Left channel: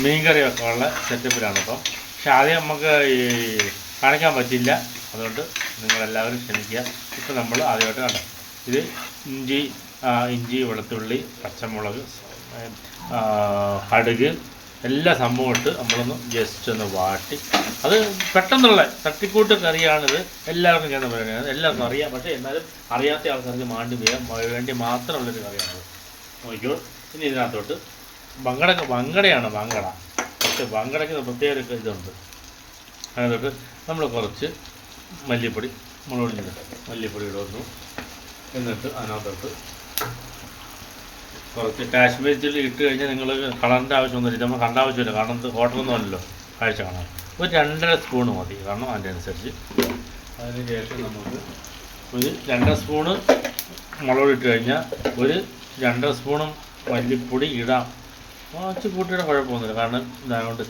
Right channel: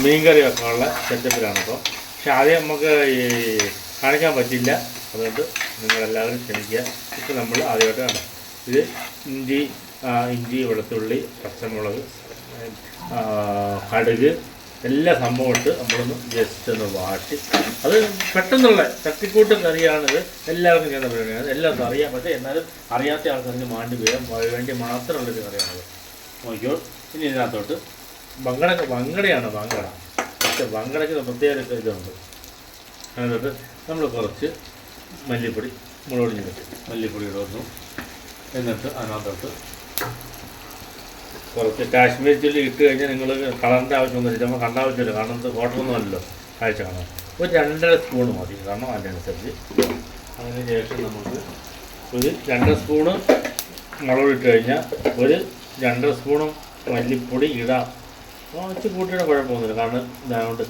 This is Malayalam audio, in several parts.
മീൻ കറി വെക്കാനുള്ള സെറ്റപ്പിലാണ് അപ്പോൾ. പക്ഷെ ആദ്യം നമുക്ക് ഈ കാണിക്കാൻ പറ്റില്ല, അതുകൊണ്ട് നിങ്ങളെല്ലാവരും ക്ഷമിക്കുക. ഇപ്പോൾ നമ്മൾ ആദ്യമായിട്ട് കണ്ടോ, ഇത് ഇഞ്ചി വെളുത്തുള്ളി പച്ചമുളക് കടുക് എല്ലാ സംഭവം ഇട്ട് നമ്മളൊന്ന് ജസ്റ്റ് ഒന്ന് വാട്ടി, അത് പെട്ടെന്നുള്ള തട്ടിക്കൂട്ട് കറിയാണിത്. എല്ലാവർക്കും ഞാൻ പറയുന്നത് എല്ലാവർക്കും അറിയാം, പക്ഷേ എന്നാലും അറിയാത്ത ആൾക്കാർക്ക് വേണ്ടി മാത്രമുള്ളൊരു കറിയാണത്. നോക്കിയോ. ഇനി ഇതിനകത്തോട്ട് വങ്കടയാണ് വങ്കട. പക്ഷേ വങ്കടയ്ക്ക് പ്രത്യേക ഇതുണ്ട്. അതിനകത്തോട്ട് നമ്മൾ കുറച്ച് മല്ലിപ്പൊടി, മുളക് മല്ലിപ്പൊടി ഇടുന്നു. എന്നിട്ട് അതിനകത്തോട്ട് കുറച്ച് കാശ്മീരി ചില്ലി ഇട്ട് കഴിഞ്ഞാൽ നിങ്ങൾ കളറിൻ്റെ ആവശ്യമൊന്നുമില്ല, നമ്മൾ കണ്ട ആവശ്യമില്ല, കാരണം ഹോട്ടലൊന്നും അല്ലല്ലോ കാഴ്ച കാണാം. ഒരു 2.5 സ്പൂണ് മതി, കാരണം അതിനനുസരിച്ച്. അതിന് ശേഷം നമുക്ക് ഒരു 2 സ്പൂണ് മുളക് ഇട്ട് കഴിഞ്ഞാൽ ഒരു 2 സ്പൂണും മല്ലിപ്പൊടി ഇടാം. കൂട്ടിയുടെ കുഴപ്പമൊന്നുമില്ല, കാരണം ഇതുകൊണ്ട്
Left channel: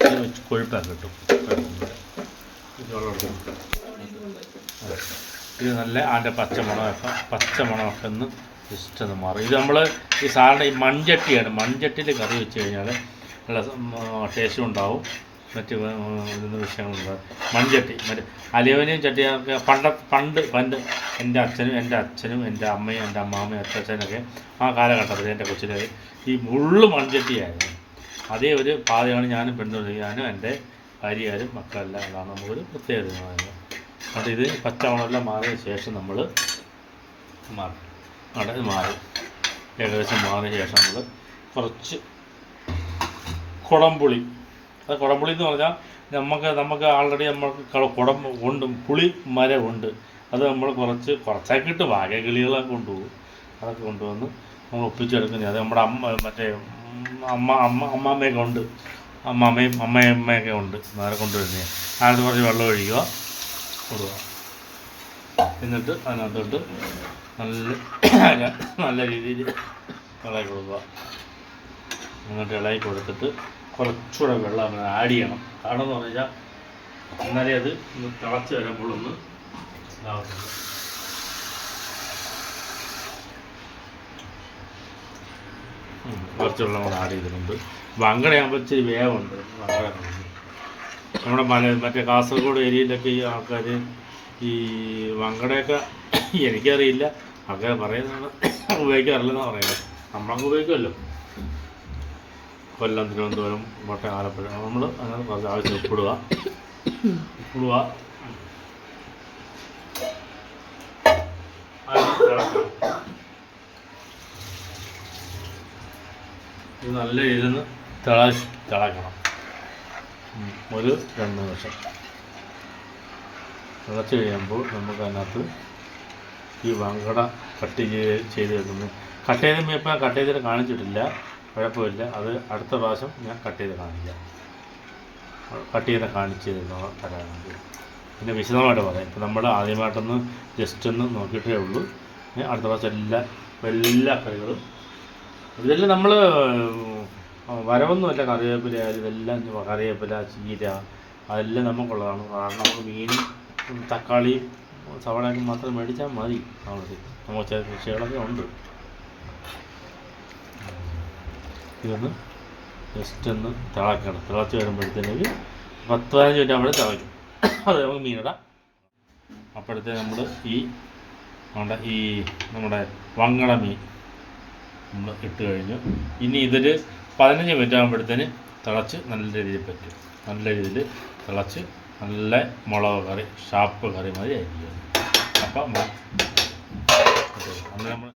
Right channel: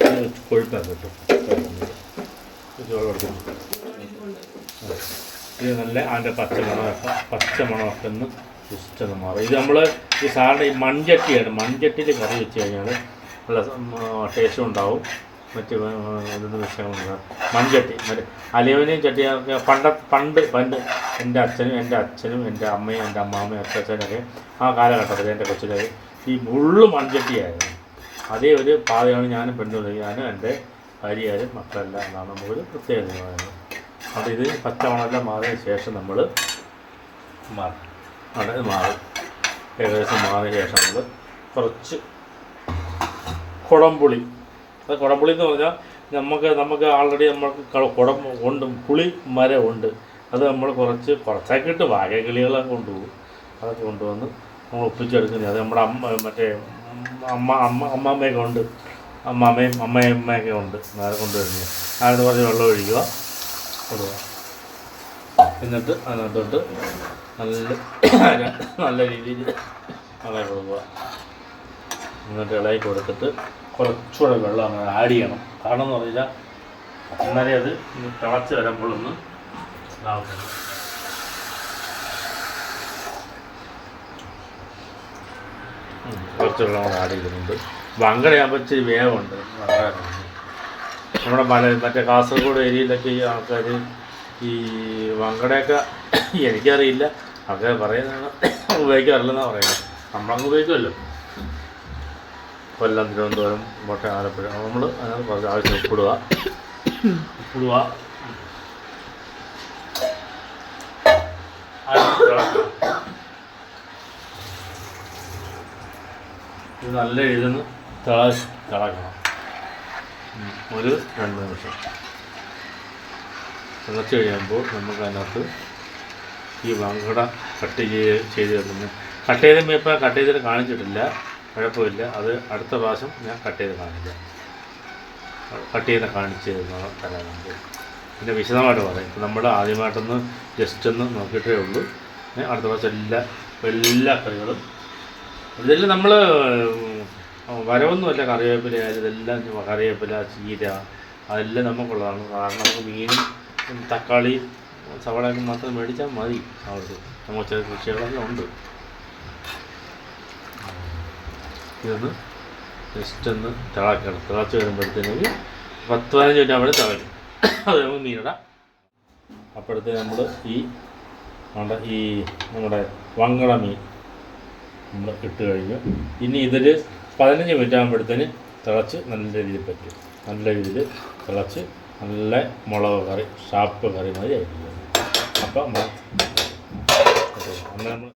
കൊഴുപ്പാൻ കിട്ടും. ഇത് നല്ല അതിൻ്റെ പച്ചമണമൊക്കെ ഒന്ന് ഇഷ്ടം മാറും. ഇത് നമ്മൾ ഈ സാറിൻ്റെ ഈ മൺചട്ടിയാണ്, മൺചട്ടിയിൽ കറി വെച്ച് കഴിഞ്ഞാൽ നല്ല ടേസ്റ്റും ഉണ്ടാവും, മറ്റ് ഇതൊന്നും വിഷയങ്ങളുണ്ടാകും. മൺചട്ടി മറ്റേ അലുമിനിയം ചട്ടി പണ്ട് എൻ്റെ അച്ഛനും എൻ്റെ അമ്മയും എൻ്റെ അമ്മാമ്മയും അച്ഛനൊക്കെ ആ കാലഘട്ടത്തിൽ എൻ്റെ കൊച്ചിലെ ഈ മുള്ളു മൺചട്ടിയായിരുന്നു. അതേ ഒരു പാതയാണ് ഞാനും ഞാനും എൻ്റെ ഭാര്യയാരും മക്കളെല്ലാം നമുക്കൊരു പ്രത്യേകതയാണ്. അതിത് പച്ചമണമെല്ലാം മാറിയ ശേഷം നമ്മൾ മാറും. ഏകദേശം മാറിയ ശേഷം നമ്മൾ കുറച്ച് കുടംപുളി. അത് കുടംപുളി എന്ന് പറഞ്ഞാൽ നമുക്ക് ആൾറെഡി നമ്മൾക്ക് കുടം ഉണ്ട്, പുളി മരം ഉണ്ട്. അത് നമ്മൾ കുറച്ചൊക്കെ ഇട്ട് വാഴക്കിളികളൊക്കെ കൊണ്ടുപോകും. അതൊക്കെ കൊണ്ടുവന്ന് ഒപ്പിച്ചെടുക്കുന്നത്. അത് നമ്മുടെ അമ്മാമ്മയൊക്കെ ഉണ്ട്, അമ്മയൊക്കെ ഉണ്ട്, നേരെ കൊണ്ടുവരുന്നത്. അതിനകത്ത് കുറച്ച് വെള്ളം ഒഴിക്കുക, കൊടുക്കുക. എന്നിട്ട് അതിനകത്തോട്ട് നല്ല രീതിയിൽ ഇളകി കൊടുക്കുക. എന്നിട്ട് ഇളകി കൊടുത്തിട്ട് കുറച്ചുകൂടെ വെള്ളം അങ്ങനെ ആഡ് ചെയ്യണം. കാരണം എന്ന് പറഞ്ഞാൽ അന്നേരം അത് തിളച്ച് വരുമ്പോഴൊന്ന് ഇതാവുന്നുണ്ട്. കുറച്ച് വെള്ളം കൂടെ ആഡ് ചെയ്തിട്ടുണ്ട്. വങ്കടയാകുമ്പോൾ ഇച്ചിരി വേവുണ്ട്. നമ്മുടെ മറ്റേ കാസർഗോഡ് ഏരിയയിലൊക്കെ ഈ ആൾക്കാർ ഈ വങ്കടയൊക്കെ എനിക്കറിയില്ല, ആൾക്കാർ പറയുന്നതാണ്, ഉപയോഗിക്കാറില്ലെന്നാണ് പറയുന്നത്. നമ്മളങ്ങ് ഉപയോഗിക്കുമല്ലോ. കൊല്ലം, തിരുവനന്തപുരം, കോട്ടയം, ആലപ്പുഴ. നമ്മൾ അങ്ങനെ കുറച്ച് ആവശ്യം ഉപ്പിടുക. ഇത് നല്ല രീതിയിൽ തിളക്കണം. ഒരു 2 നിമിഷം തിളച്ച് കഴിയുമ്പോൾ നമുക്ക് അതിനകത്ത് ഈ വങ്കട കട്ട് ചെയ്ത് വെക്കുന്നു. കട്ട് ചെയ്തിട്ട് കാണിച്ചിട്ടില്ല, കുഴപ്പമില്ല. അത് അടുത്ത പ്രാവശ്യം ഞാൻ കട്ട് ചെയ്ത് കാണിക്കാം. കാണിച്ച് തരാറുണ്ട്. പിന്നെ വിശദമായിട്ട് പറയാം. ഇപ്പം നമ്മൾ ആദ്യമായിട്ടൊന്ന് ജസ്റ്റ് ഒന്ന് നോക്കിയിട്ടേ ഉള്ളൂ. അടുത്ത പ്രാവശ്യം എല്ലാ കറികളും ഇതെല്ലാം നമ്മൾ വരവൊന്നുമല്ല. കറിവേപ്പില ആയാലും ഇതെല്ലാം കറിവേപ്പില, ചീര, അതെല്ലാം നമുക്കുള്ളതാണ്. കാരണം നമുക്ക് മീനും തക്കാളി സവാളയൊക്കെ മാത്രം മേടിച്ചാൽ മതി. അവർക്ക് നമുക്ക് ചില കൃഷികളൊക്കെ ഉണ്ട്. ഇതൊന്ന് ജസ്റ്റ് ഒന്ന് തിളച്ച് വരുമ്പോഴത്തേക്ക് 10-15 മിനിറ്റ് ആകുമ്പോൾ തിളയ്ക്കും. അത് നമുക്ക് മീനിടാം. അപ്പോഴത്തേക്ക് നമ്മൾ ഈ നമ്മുടെ വങ്കട മീൻ നമ്മൾ ഇട്ട് കഴിഞ്ഞു. ഇനി ഇതിൽ 15 മിനിറ്റ് ആകുമ്പോഴത്തേന് തിളച്ച് നല്ല രീതിയിൽ പറ്റും. നല്ല രീതിയിൽ തിളച്ച് നല്ല മുളക് കറി, ഷാപ്പ് കറി മാതിരി ആയിരിക്കും. അപ്പം നമ്മൾ